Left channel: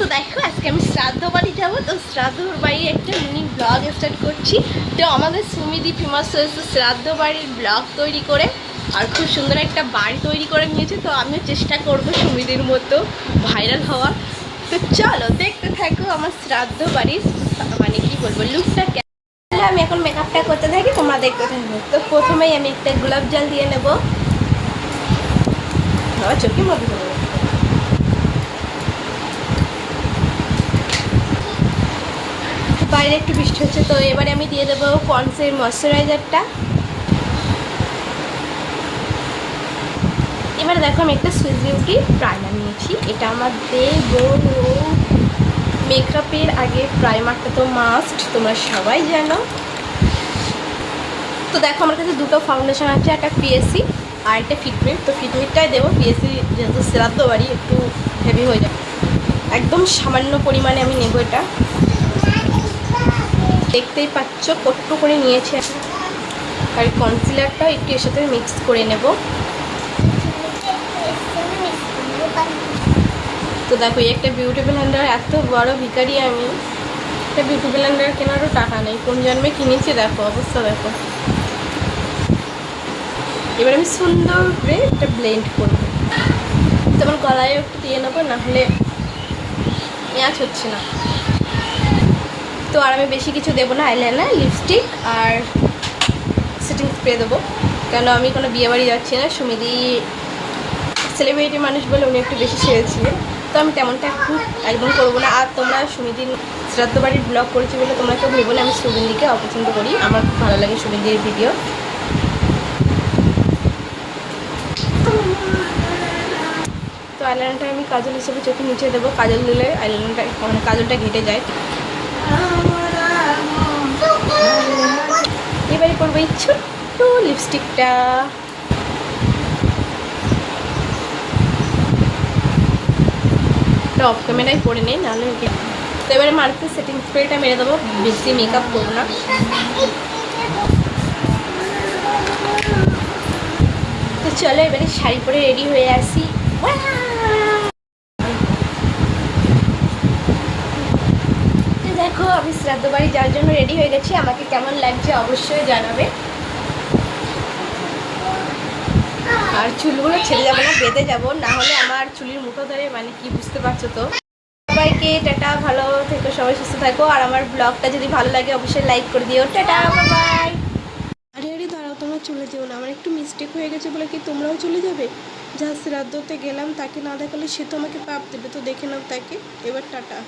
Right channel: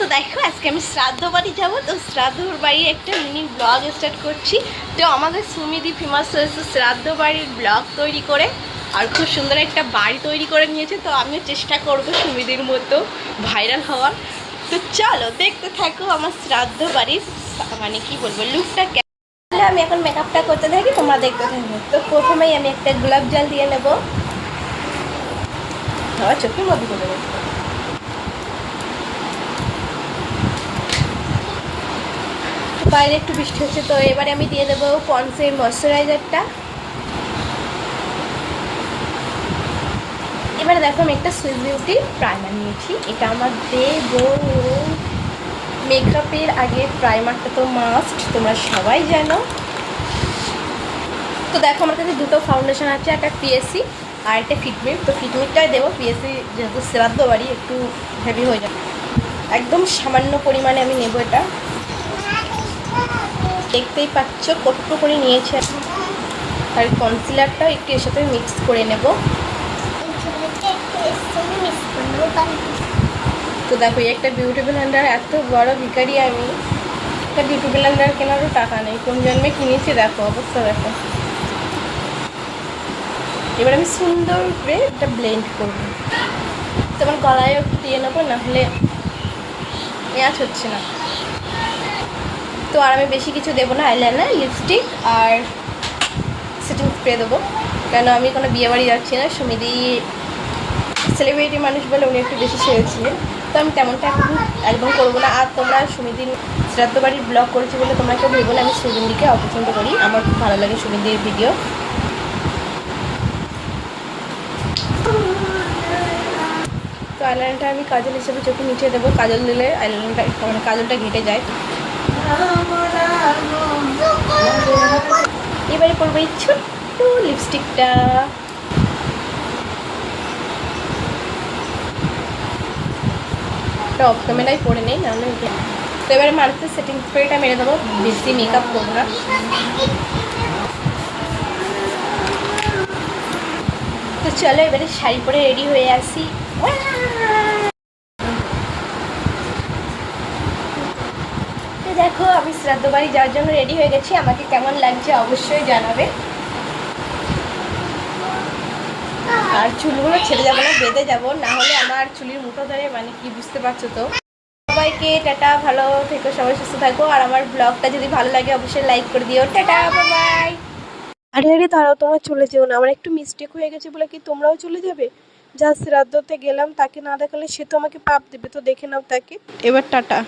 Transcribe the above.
তো দেখো আজকে আমি শ্রাদ্ধ বাড়ি যাবো, তো শ্রাদ্ধ বাড়ি একটা মিনি ব্লগ স্টার্ট করছি। তো আমাদের সুমিদি ফেমাস হয়েছে শ্রাদ্ধ বাড়ির ব্লগ তৈরি করে, আর খুব সুন্দর একটা বাড়ি তৈরি করে নিয়েছে। তো আমিও চেষ্টা করবো সুমিদির মতো ভাইরাল হওয়ার। তো চলো দেখতে থাকো আমার শ্রাদ্ধ বাড়ির মানে কি বলবো লুকটা কেমন। আমি এখন মেকআপটা করতে থাকি, তোমরা দেখতে থাকবে। তো প্রথমেই আমি একটা গোলাপ জল দিয়ে নেবো। চোখে মধ্যে করে দেবো। বাইরে একটু বৃষ্টি হচ্ছে, তো এবারে আমি দিয়ে দেবো পন্ডসের ময়শ্চারাইজারটা। এবারে দেখো আমি একটা সুইস বিউটি প্রাইমার নিয়েছি, এটা আমার দেবো মেকআপের আগে। প্রাইমারটা তো মাস্ট, তোমরা সবাই জানো। তো দেখো আমার কাছে দুটো ফাউন্ডেশন আছে, একটা পিএসসি আর একটা ফিটমিট। তো ফিটমিটটাই দেবো, পিএসসি যেহেতু শ্রাদ্ধ বাড়ি একটু হেভি হয়ে যাবে। একদম সামান্য পরিমাণে আমি নেবো এটা, দেখতেই পাচ্ছ কট্টু করে নিয়েছি। আর কনসিলারটাও একটু এর সাথে মিক্স করে নেব। তো দেখো এই একটা বিউটি ব্লেন্ডার, এত বড় ভিখারি আমি, একটা বিউটি ব্লেন্ডার কেনারও টাকা নেই। কোন জন্মে কিনেছি দেখো অবস্থা দেখো। এবার আমি সুন্দর করে এটা ব্লেন্ড করবো। তোমার গলায় একটু দিয়ে নেবো, নাহলে ম্যাচ হচ্ছে না। তো আর আমি বেশি কিছু দেবো না, আইলাইনার, লিপস্টিক আর সেটিং স্প্রে দেবো, কেন আমি কোনো বিয়েবাড়ি যাচ্ছি না। সুমিদি সেলিব্রিটি মানুষ বলে উনি একটু বেশি সেরেছিলেন, তো আমি তেমনটা একদম করবো না। আর তোমরা সুমিদির শ্রাদ্ধ বাড়ির ব্লগ করেছি বলে তোমরা কেউ ভেবো না আমি সুগন্ধিকে অপছন্দ করি। আমার খুব ভালো লাগে সুগন্ধির ভিডিও। তো আইলাইনারটা আমি কাজল হিসেবে চোখে নিচে দেবো, কাজল দিলে আইলাইনারটা মানে কাজলটা ঘেটে যায়। এবারে পরবো এই ছোট্ট লিপস্টিকটা। অফ ক্যামেরায় পরে নেই, নাহলে তো এবারে মারতে সেটিং স্প্রেটা মেরে দেবো, বেশি মেকআপ করবো না। তো চলো এবারে শাড়ি পরে রেডি হয়ে আসি। তো দেখো আমি শ্রাদ্ধ বাড়ি যাওয়ার জন্য রেডি হয়ে গেছি, আমাকে কেমন লাগছে অবশ্যই জানাবে। আর চুলগুলো ছেড়ে যাবো না, বেঁধে যাবো, না হলে আমার চুলের মুঠো ধরে মানে কি বুঝতে পারছো তো। সবাইকে টাটা, ভালো থেকো, সবাই সুস্থ থাকো। আর আমার ব্লগটা যদি ভালো লাগে অবশ্যই লাইক করে দিও। Tata, bye. আরে আরে দাঁড়াও, তোমরা চলে যেও না, আমার একটু মিস্টেক হয়ে গেছে বলে কি তোমরাও চলে যাবে? যা শ্রাদ্ধতে গেলাম তাকে না দেখালে সে তো আমাকে পাপ দেবে, তো দেখে নাও তাকে। এবার টাটা।